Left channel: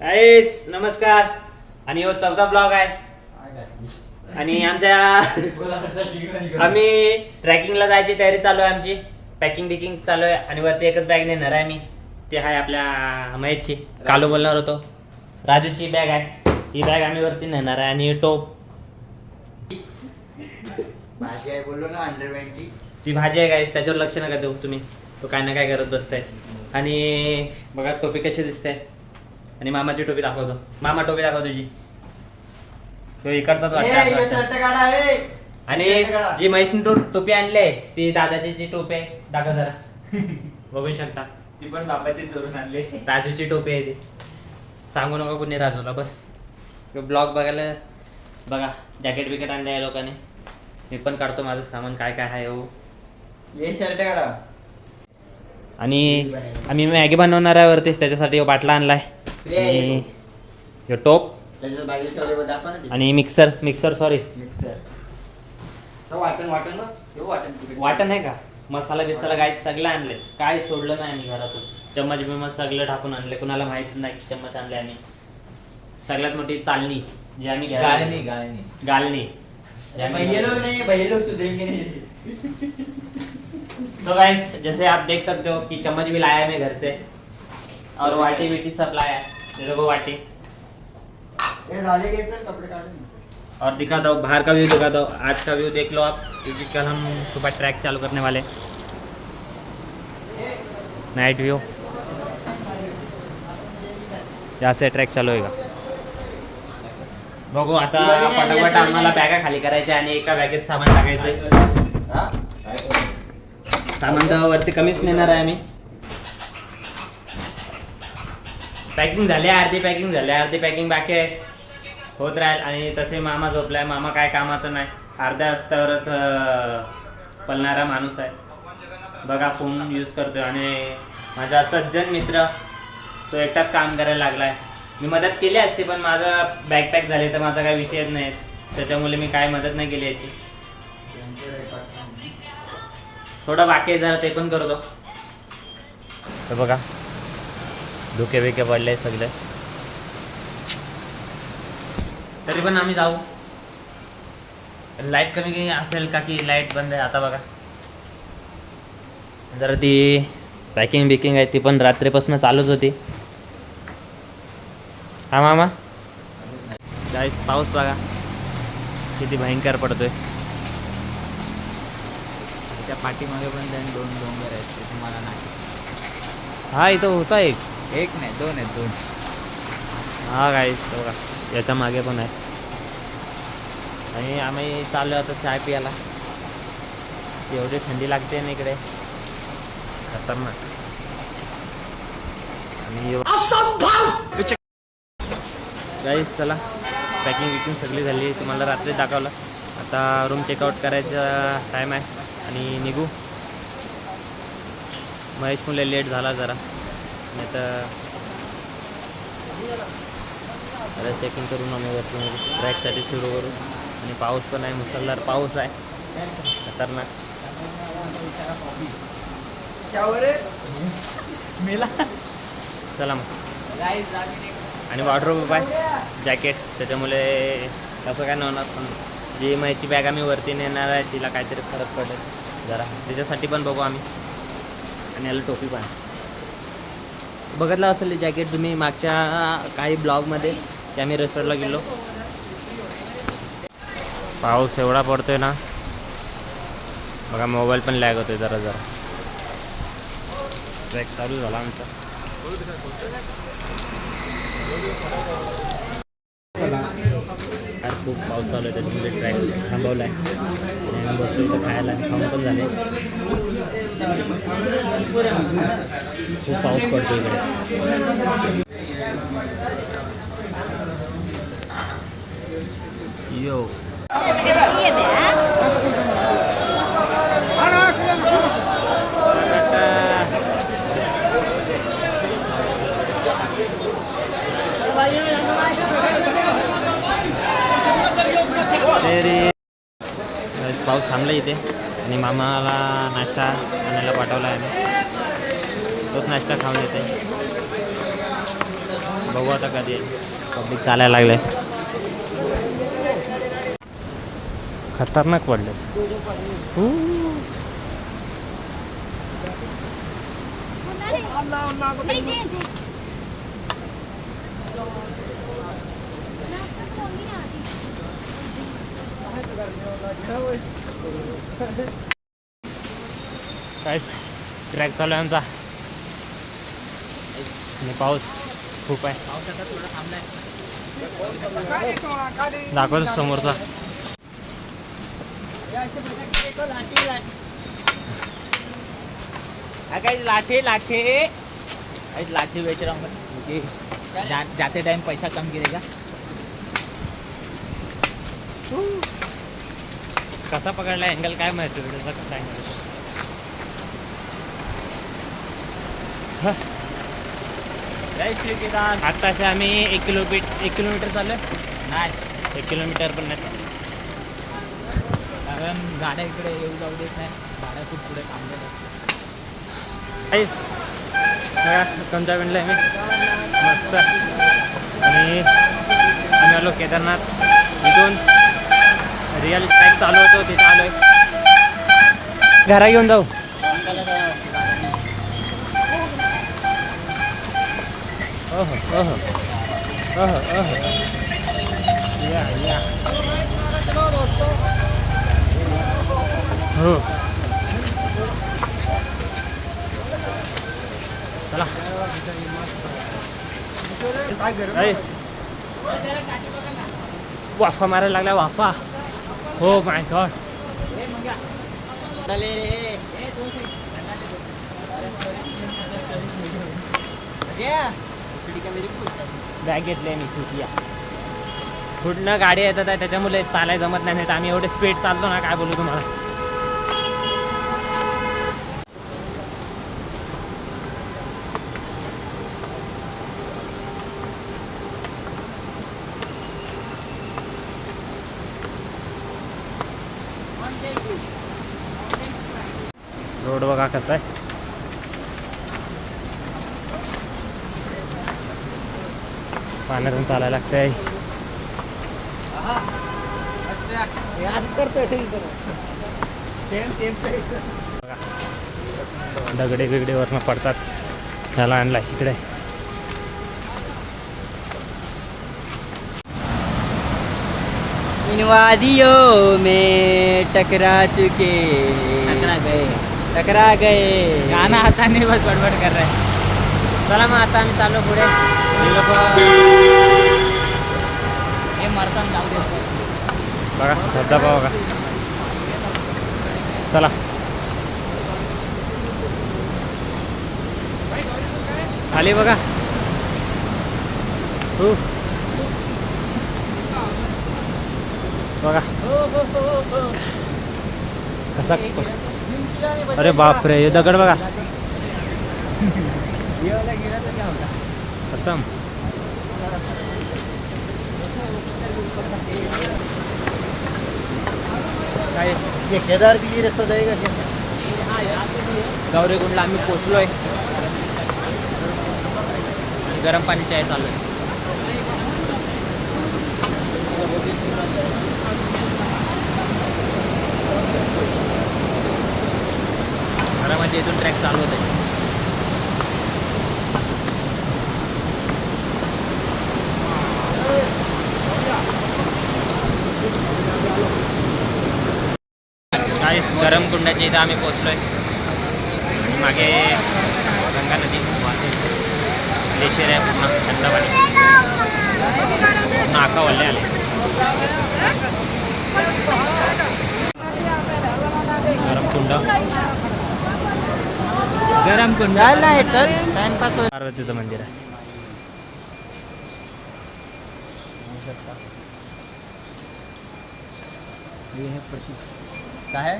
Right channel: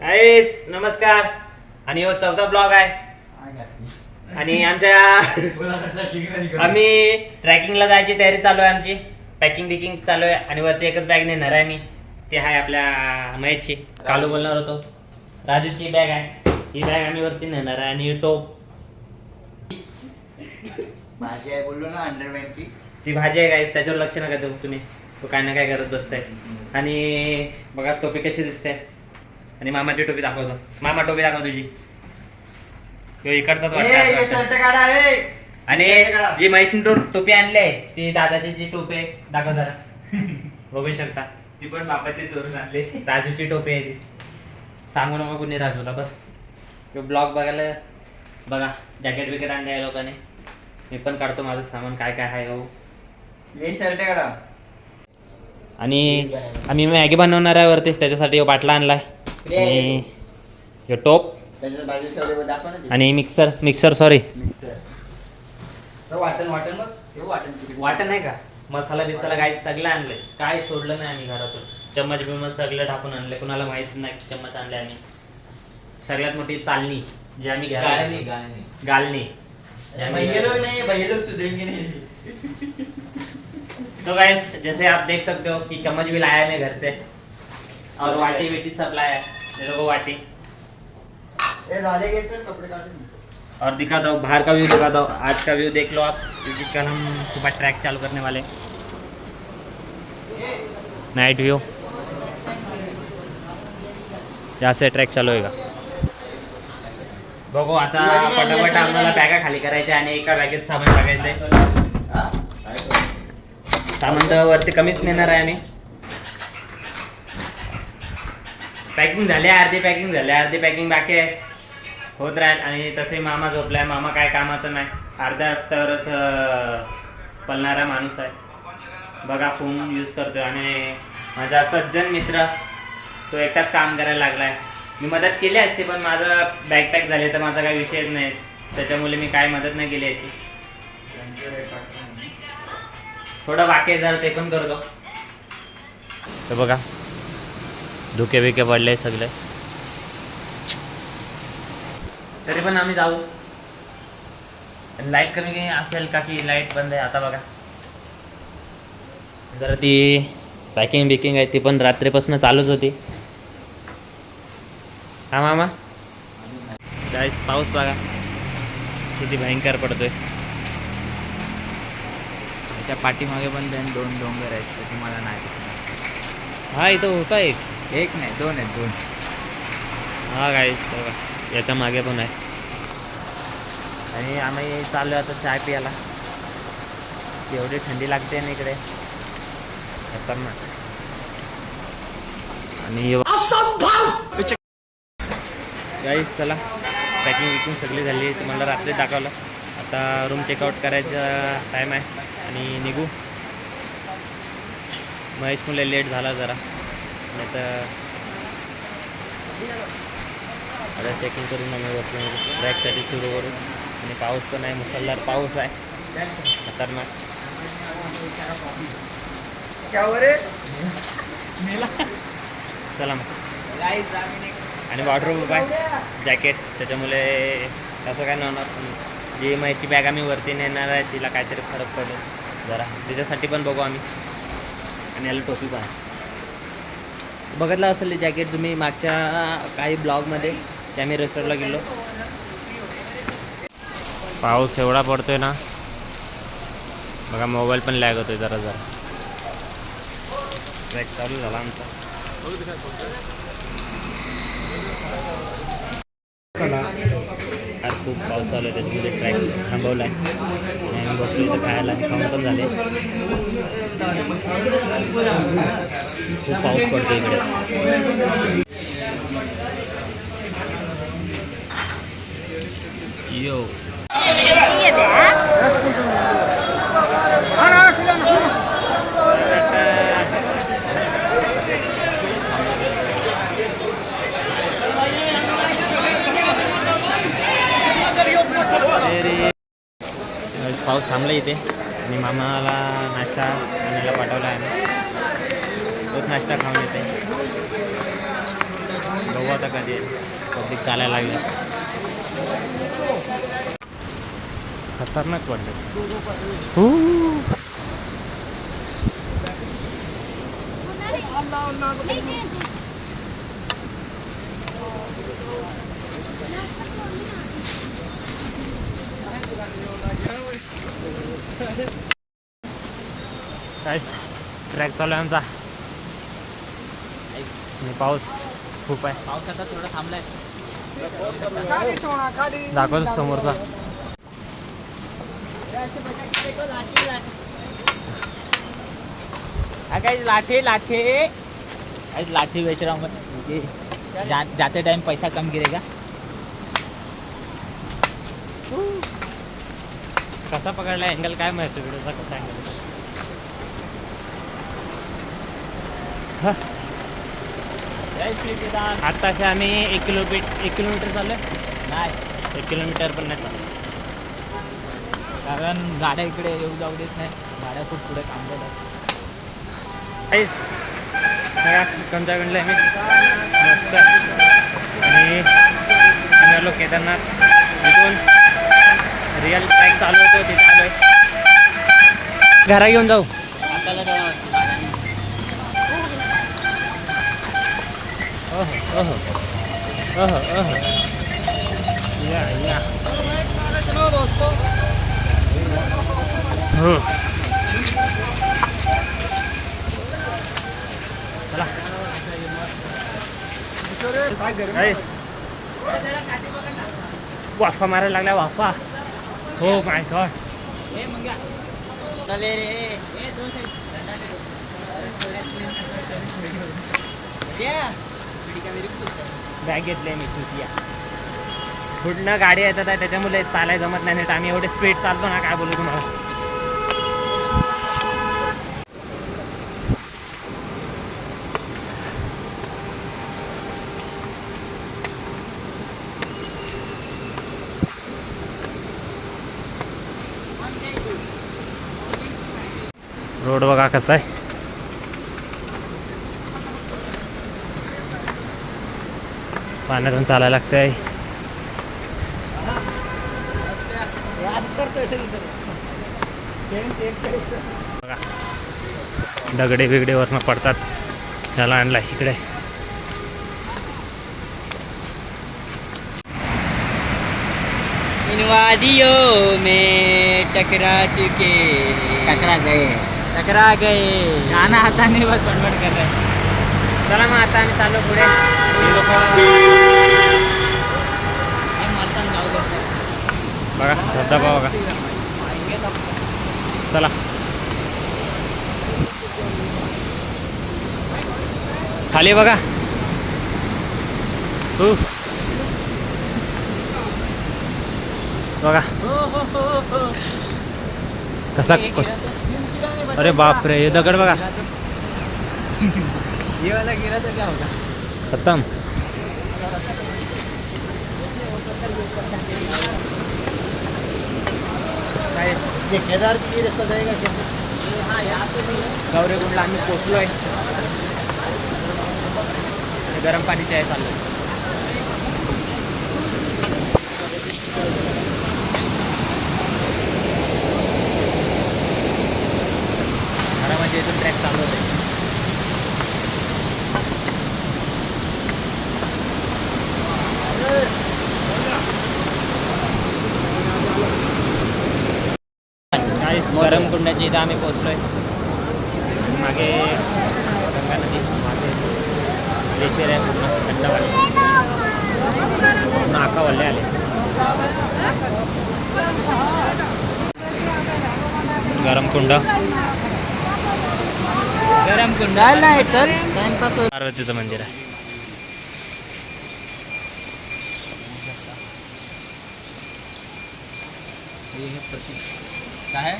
गाईस नमस्कार. आणि हो चौथा ब्लॉग आहे. आणि आमच्या आम्ही ट्रॅकिंगला जायची तयारी चालू आहे आमची. पॅकिंग बिकिंग चालू आहे आणि वरती एकच बॅग नेणार आहे मी. ती आहे आपल्या महेशची. कालू बोलणार होतो. राजूची बॅग आहे. ही बॅग आम्ही वरती नेणार आहे आणि टोप. माझी आहे बोललो ना अंडरवेअरची ती भाजी आहे गाईस त्याच्यावर लक्ष नका देऊ तुम्ही. तो काय ना काय करत बसताय. आणि बघा टोपी कशी दिसते. आणि मामाची टोपी दाखवतो. मामा टोपी दाखव तुझी. तो इकडचाच वाटतं ए आणि. जी म्हैसून टो टोपी आणले ती दादाची जी टोपी आहे दाखव जरा. बघू शकता. ती पण बापाची चोरून आणली. राजूची टोपी आहे ती. सांगू नका कुणी राजूला बस. ब्लॉग बघायला बघा. जॅकेट बिकेट आणले आहे लोकांनी. मी पण काढतो माझं सामान काय काय आहे हो. हे शर्ट काढा आणि आम्ही मॅगी बनवणार आहे वरती त्याच्यासाठी बाटला आणलाय. आणि ह्यो टोप. आणि मिक्सर मिक्सर सॉरी मिक्सर. वाटण वाटण मग हे वाटण नाही का? मसाला बिसाला गाय सगळं आणलंय. काय सोडलं नाही आम्ही घरातून. चम्मच बिमच सगळं टाकून आणलंय. कुणाला माहीत नाही चम्मच आणले आम्ही. सगळ्यात मोठी चालणी जी आम्ही. गालणी जी आम्ही भैये लोग घरात- नहीं भैये लोग सुधरेंगे नहीं. तो गाइस जैसे आप देख सकते हो कि चम्मच भी लाया है मैं घर से. और वाटी विटी सब लाया है। मेरे को वाटी। ए झाले घे चल कपडे काढून और दिखाता हूँ बाहर का व्यू दिखाता हूँ। आज का व्यू देख लो आप क्योंकि कल हम सुबह ट्रैक चालू करने वाले नाइट व्यू यहाँ से ट्रॅक चालू होएगा। बघू आता पटापट आम्हाला बॅगा खाली करायच्या आणि एका बॅगेत सामान टाकायचंय? सामान तर वरती कमीच नेणार आहे आम्ही. पॅकिंग झाले अर्धी पॅकिंग झाले अर्धी पॅकिंग बाकी आहे. होत राहील. आणि तसे मामा झोपलाय. मामा काय कामाचं नाही. अर्ध्या रस्त्यावरच पलणारा माणूस आहे. बघा फोन यूज करतोय. आणि माझा सज्जन मित्र तो एकटाच काम करायला लागलाय. मी मदत केली असती पण माझं बॅकपॅक झाले तर माझा काही विषयच नाही. त्याच्यामुळे मी काय मदत नाही केली याची. थोडं बाकी आहे जरा ते पण करतो. तर बघा. धुके बिके पडले सगळे. तरी पण आम्ही जाऊ. लाइट कमी काही असेल का की लाइट बंद आहे? आता बघा. जरा ती पॅकिंग बिकिंग आहे ती पण रात्रीपासून चालूच होती. हा मामा? जायच पाऊस बघा. किती भयंकर पडतोय. त्या पाठीमागे पण दोन डोंगर आहेत तुम्हाला नाही. हा इथं होता एक एक नाही दोन आहेत दोन. हा काय बघा. याच्या मागे पण आहे. आणि आम्ही चाललो आता चाय पियाला एवढी थंडी लागते ना इकडे. खतरनाक. आणि गाईस चला. पॅकिंग विकिंग सगळी झाली. तुम्हाला रात्री दाखवलं. आता रूम चेकआउट करायचा टाईम आहे. आणि निघू. महेश मुले लेट झाला जरा. नाही तर आता चेकिंग करून आम्ही वरती ट्रॅकसाठी सुरू करू आणि पाऊस पण आहे मुसळधार पाऊस आहे. खतरनाक. चला मग. आणि वॉर्डरोब आहे जॅकेट त्याच्यामुळे तसं काय नव्हणार. पण जी माहिती बॅग आम्ही वरती नेणार आहे तिला काहीतरी फरक पडेल. जरा. त्याच्यासाठी पण बघू आम्ही. आणि याला टोपी पण आहे. बघितलं असेल जॅकेट तुम्ही मागच्या काही ब्लॉगमध्ये ते आम्ही रिसॉर्टला गेलो. पाऊस एवढा पडतोय ना बघा मोबाईल पण लॅग होतोय जरा जरा. ट्रॅक चालू झाला आमचा. आज खूप पाऊस चालू आहे त्याच्यामध्ये ट्रॅक थांबवला आहे. आणि बसलो इथं खायला खाऊन पण झाले. खूप पाऊस पडतो इकडे. यो. पाऊस थांबला इथे. आणि मामाला नाश्ता आणायला पाठवला आहे. तोच नाश्ता खाऊन येते बघू आता कधी पब्लिक चालायला लागले खतरनाक पडले काय ट्रॅक चालू आहे आमचा. आणि पाऊस खूप आहे. पाऊस आता थोडा थांबलाय. दाखवतो समोरचा. लाठे लाठे. लाठी बेच रहा मैं. जा, जाते टाइम पैसा कम गिरेगा. कसा पकडला अँगल काय माहिती व्हिडिओचा कसा अँगल आत्ताशे आम्ही एक किलोमीटर एक किलोमीटर चाललोय. नाही. एक किलोमीटर पण नाही चाललो कारण गाड्या इकडे येऊ जाऊ देत नाही. गाड्या खूप पुढे थांबलेल्या काहीच बघा कंचागणला मी. मस्त. आणि आम्ही आलो केदारनाथ. तिथून रिअल ट्रॅक चालू होतो तिथे आलोय. घरा घेऊन जाऊ. ओहो ओहो ओहो ओहो या या हो चला गाईस वाफा मारायला लागल्या वाफा हो माय गॉड बॅग घेतली मी तुझी पुढनं गाडी येतात आहे त्याच्यामुळे चालाय जमत नाही नाही तर आम्ही एवढे स्पीड चालतो ना काय बोलू तुम्हाला? रोड बघा कसा आहे. पाण्यातून चालायला लागतंय. बघा. दगडे बिगडे वरनं पडतात. त्याला आणला इकडे. इन वादियों में टकरा चुके टकरा गए। टकरा गए। गाना आता नाही बस बडबड कर रहे चला मग आता आम्ही चाललो पुढे. बघा धबधबा बघा. चला. खाली बघा. हो. कसा कस. अरे बापरे हे दगड बघा. खतम. ये केदार की ये रास्ता जाएगा कैसे? हाँ यहाँ पे भी है गौरीकुंडला आम्ही पोचलोय. गरम पाणी चाय चाललोय. खरं म्हणजे इथून ट्रॅक चालू होत आहे काही गरम कुंडाच्या इथं आम्ही पोचलोय आणि मागे गंगा नदी वाहते. ग्लेशियर आहे पूर्ण थंड पाणी. पूर्ण आका वल्ले आले. गरम कुंड. गरम कुंड. टाइमपास हो पार्वतीचं मंदिर आहे. ये है क्या है।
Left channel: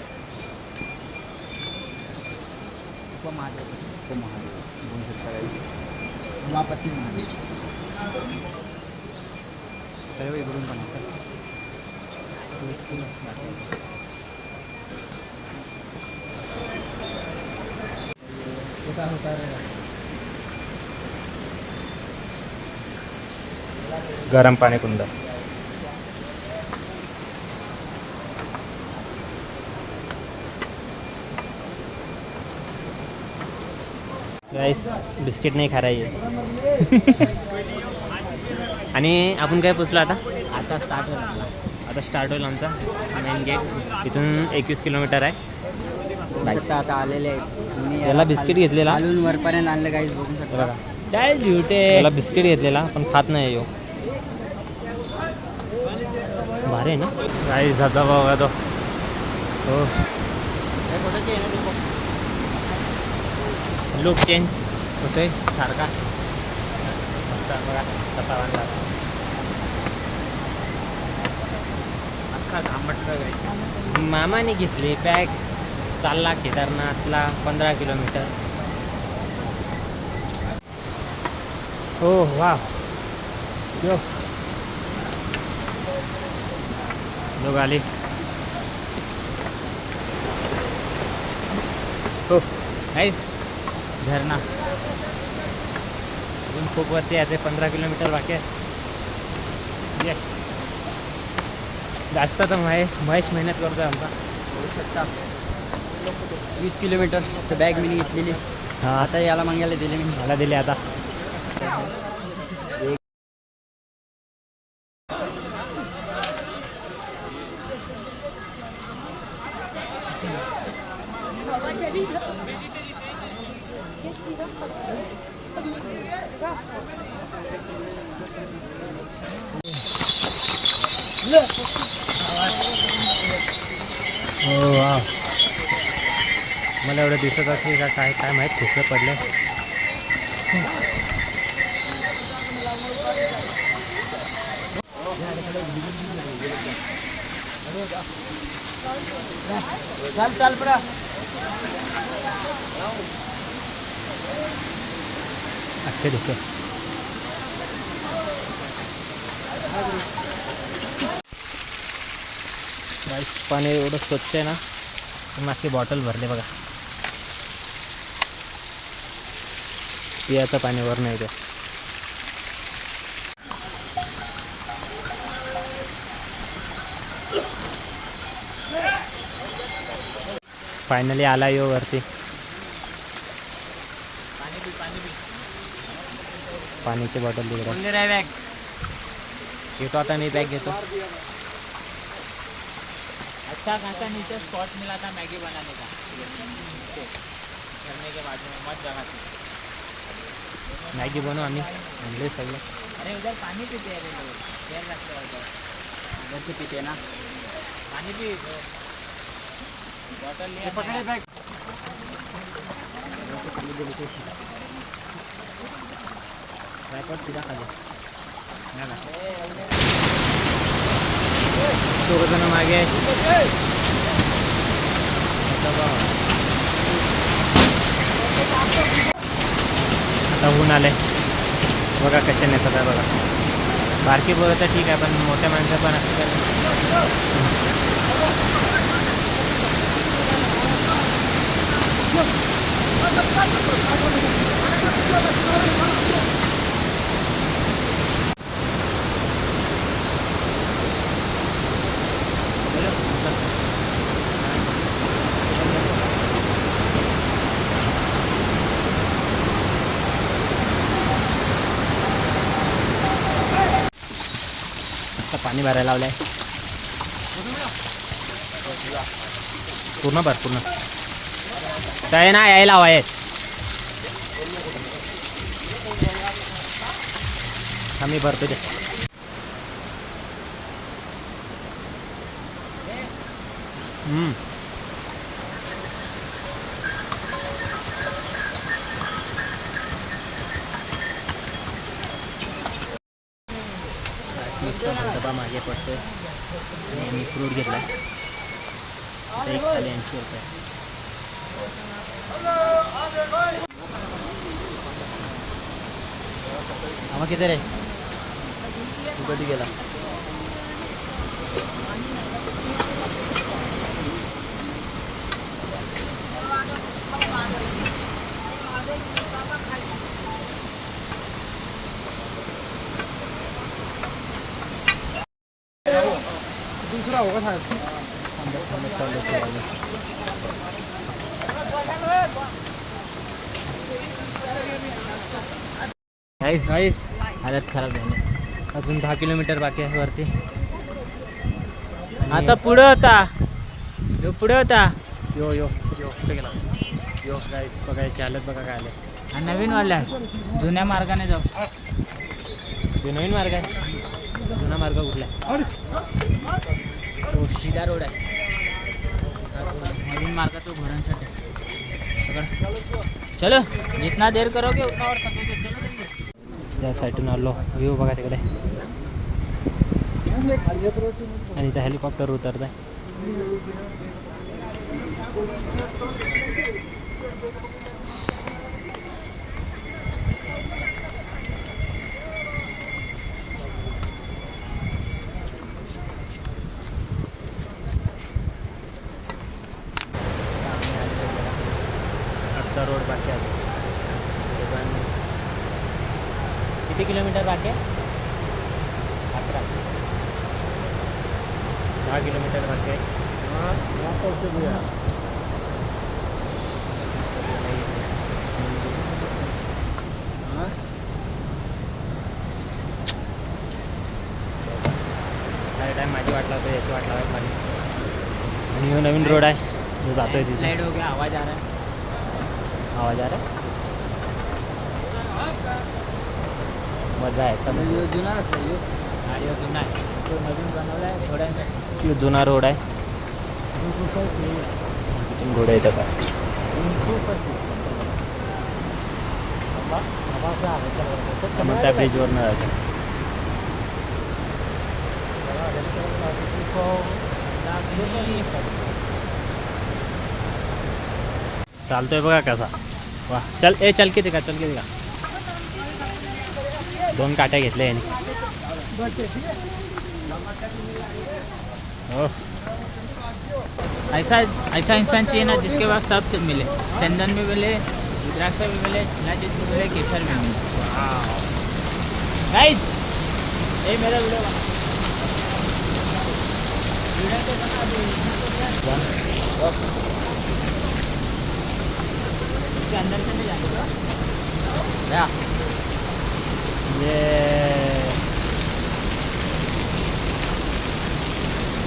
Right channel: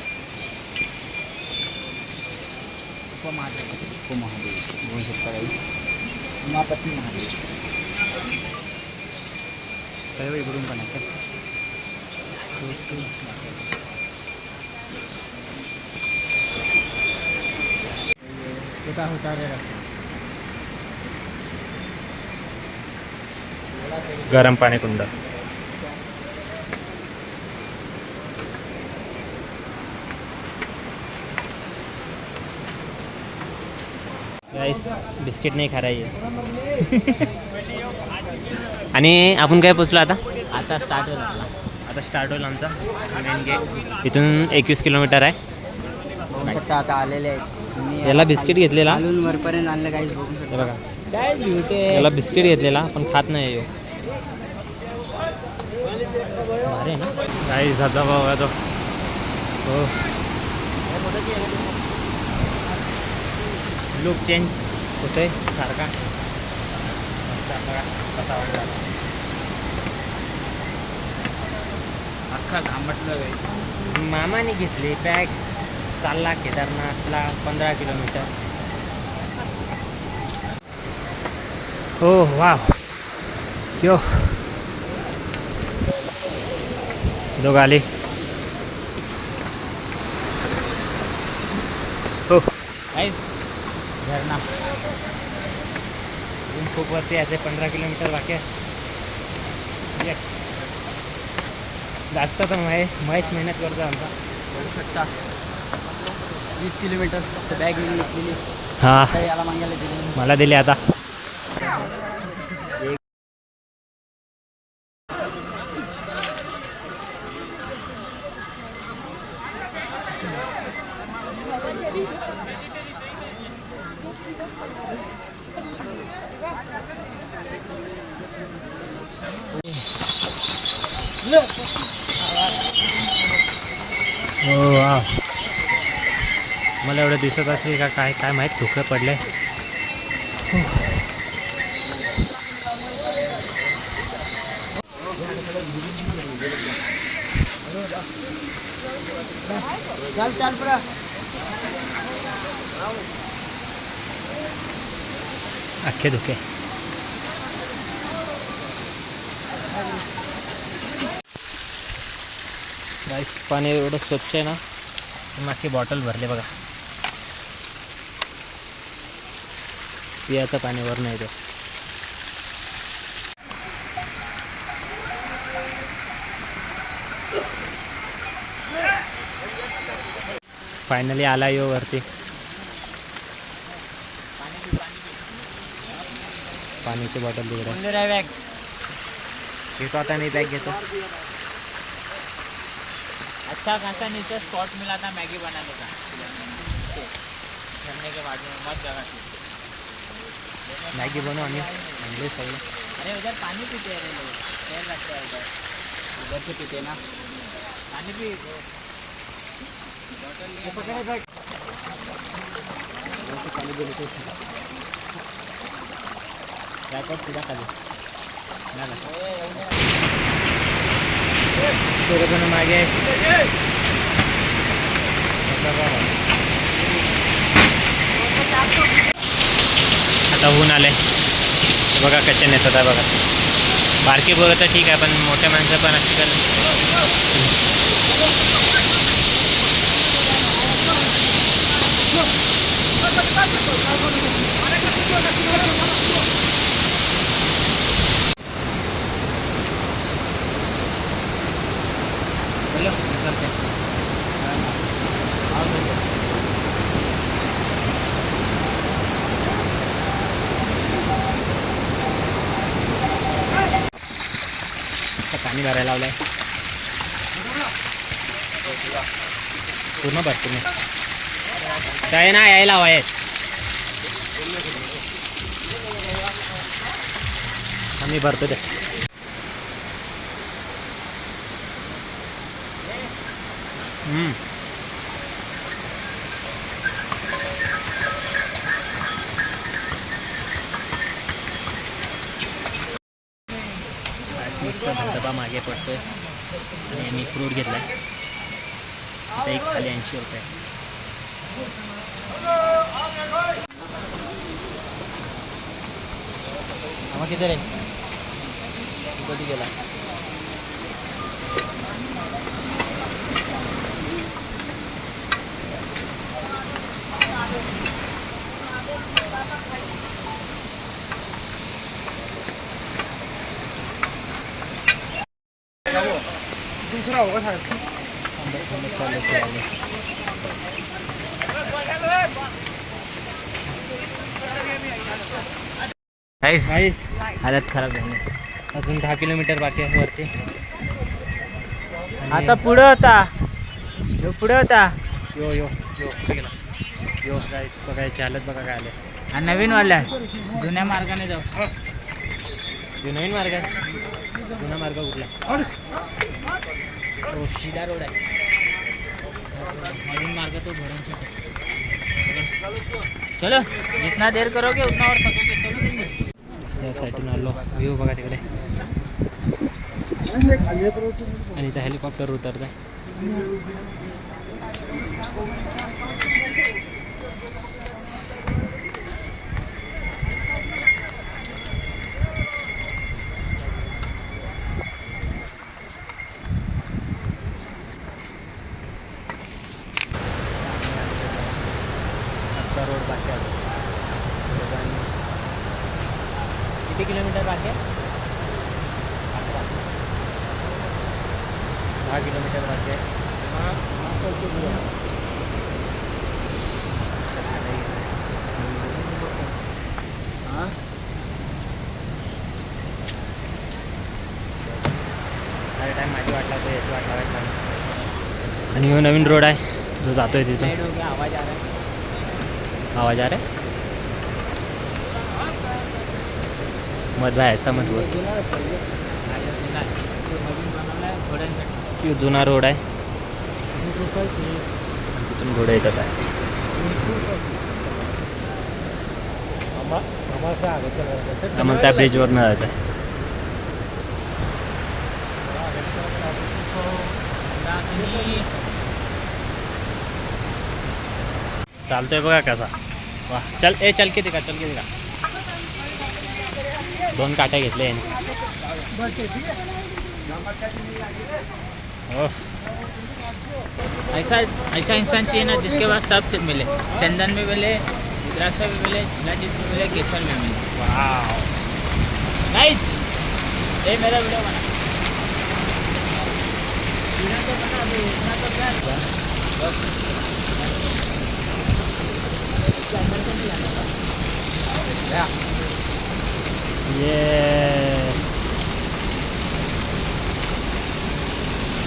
उपमहादेव उपमहादेव ये है। प्राइस उमापति महादेव सर्व इकडून बनवतात ते काय होता रे गरम पाणी कुंड। राईस बिस्किट नाही खारायचे. आणि आपण काय पोचलो आता? आता स्टार्ट आता स्टार्ट होईल आमचा मेन गेट इथून एकवीस किलोमीटर आहे. बघू आता आलेले आहेत याला बिस्किट घेतलेला? वरपर्यंत आणलं काहीच बघू शकता. बघा. काय झुटे याला बिस्किट घेतलेला पण खात नाही यो. भारी आहे ना? काही जाता बाबा तो हो. लुक चेंज होते सारखा मस्त बघा कसा वाढला अख्खा लांबटलं मामाने घेतली बॅग चालला केदारनाथला पंधरा किलोमीटर. हो वा यो. लोक आले. हो. काहीच झरणा अजून खूप वरती याचे पंधरा किलोमीटर बाकी आहे. जास्त तर महेश महेश मेहनत करतो आमचा. वीस किलोमीटर तर बॅग मी घेतलेली. हां. आता याला मागायला दिली मी. मला दिले आता. दिसत असेल का काय काय माहीत ठोकं पडले चाल चाल पुरा अख्खे धुके. पाणी एवढं स्वच्छ आहे ना मागे बॉटल भरले बघा. पियाचं पाणी वर नाही ते फायनली आला यो वरती. पाण्याची बॉटल तिकडे. बॅग घेतो आता मी बॅग घेतो. अच्छा खासा नीचे स्पॉट मिला था मैगी बनाने का? झरने के में मस्त जगह थी मॅगी बनवू आम्ही आणले सगळे अरे उधर पानी पीते हैं लोग देर रखते हैं उधर उधर से पीते ना पानी पी बॉटल लिए पकड़े बैग पाणी दिली ते ट्रायपॉड सीधा खाली झाला दोघ जण मागे आहेत. आता ऊन आलं आहे आले बघा कसे नेतात बघा. बारकी पोरं तर ठीक आहे पण मोठ्या माणसं पण आजकाल पाणी भरायला लावलं आहे पूर्ण भर पूर्ण. काय ना यायला हवा आहे आम्ही भरतो ते. मस्त धबधबा मागे पडतोय. आणि आम्ही फ्रूट घेतलाय. आता एक खाली ऐंशी रुपये. आम्हा किती रे? कधी गेला? दूसरा. काहीच काहीच हालत खराब झाली. अजून दहा किलोमीटर बाकी आहे वरती. आता पुढं होता. यो पुढे होता. यो यो यो कुठे गेला. यो गाईस बघायची हालत बघा काय आले. हा नवीन वाला. आहे जुन्या मार्गाने जाऊ. जो नवीन मार्ग आहे. जुना मार्ग कुठला आहे? तो सीधा रोड आहे. नवीन मार्ग तो घोड्यांसाठी चलो जितना देर करोगे उतना और थकोगे. त्या साईडून आलो. व्ह्यू बघा तिकडे. आणि इथं हेलिकॉप्टर उतरत आहे आत्ता रोड बाकी आहे दोघांनी किती किलोमीटर आहे अकरा. दहा किलोमीटर अरे टाईम माझी वाट लावतो याची वाट लावायला पाहिजे आणि नवीन रोड आहे जो जातोय तिथे. आवाज आ रहा आवाज आ रहा है आहे याचा मध जुना रोड आहे. तिथून घोडे येतात आहे मग त्या ब्रिजवर न जायचं चालतोय बघा कसा. वा. चल ए चल किती का? चल किती का? दोन काट्या घेतल्या ऐसा ऐसा इंसान चाहिए ना जिसके पास सब कुछ मिले। चंदन में मिले, रुद्राक्ष में मिले नाजित में मिले, केसर में मिले। नाइस ये मेरा वीडियो बना। तो बना इतना तो क्या अंदर से भी आने का? या ये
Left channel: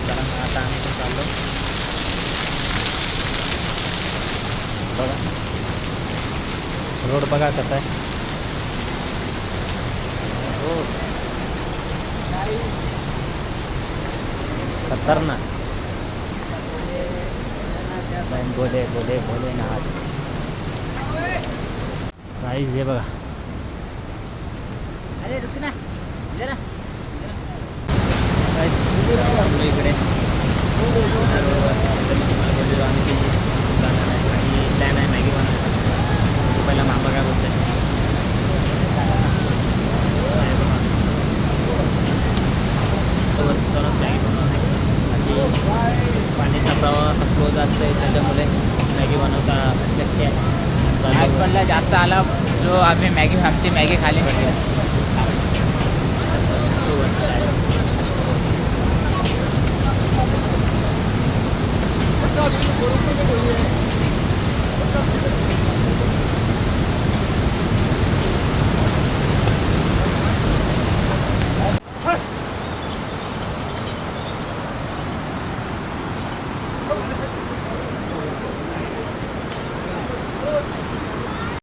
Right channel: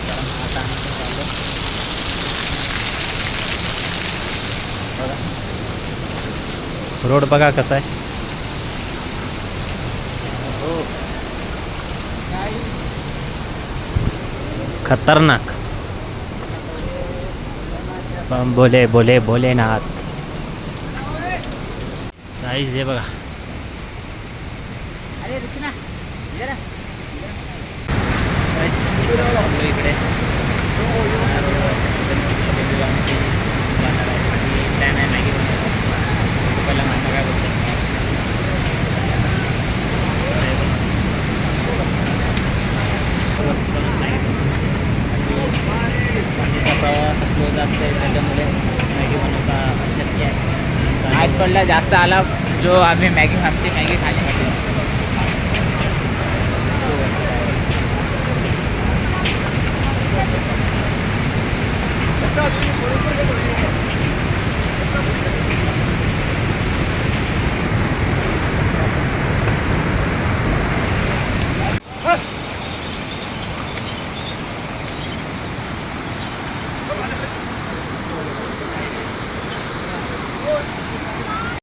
चला मग आता आम्ही पण चाललो बघा रोड बघा कसा आहे. खतरनाक. पण बोले बोले बोले ना काहीच हे बघा. अरे रुक ना जरा थांबलो इकडे आमची जाणार आहे आणि प्लॅन आहे मॅगी बनवायचा बघू पहिला मामा काय बोलतो नाही बनवत वरती जाऊन मॅगी बनवतो बाकी पाण्याचा प्रवाह फ्लो जास्त आहे त्याच्यामुळे मॅगी बनवता अशक्य आहे पडलं जास्त आला जो आम्ही मॅगी आमची मॅगी खाण्यासाठी Thank you.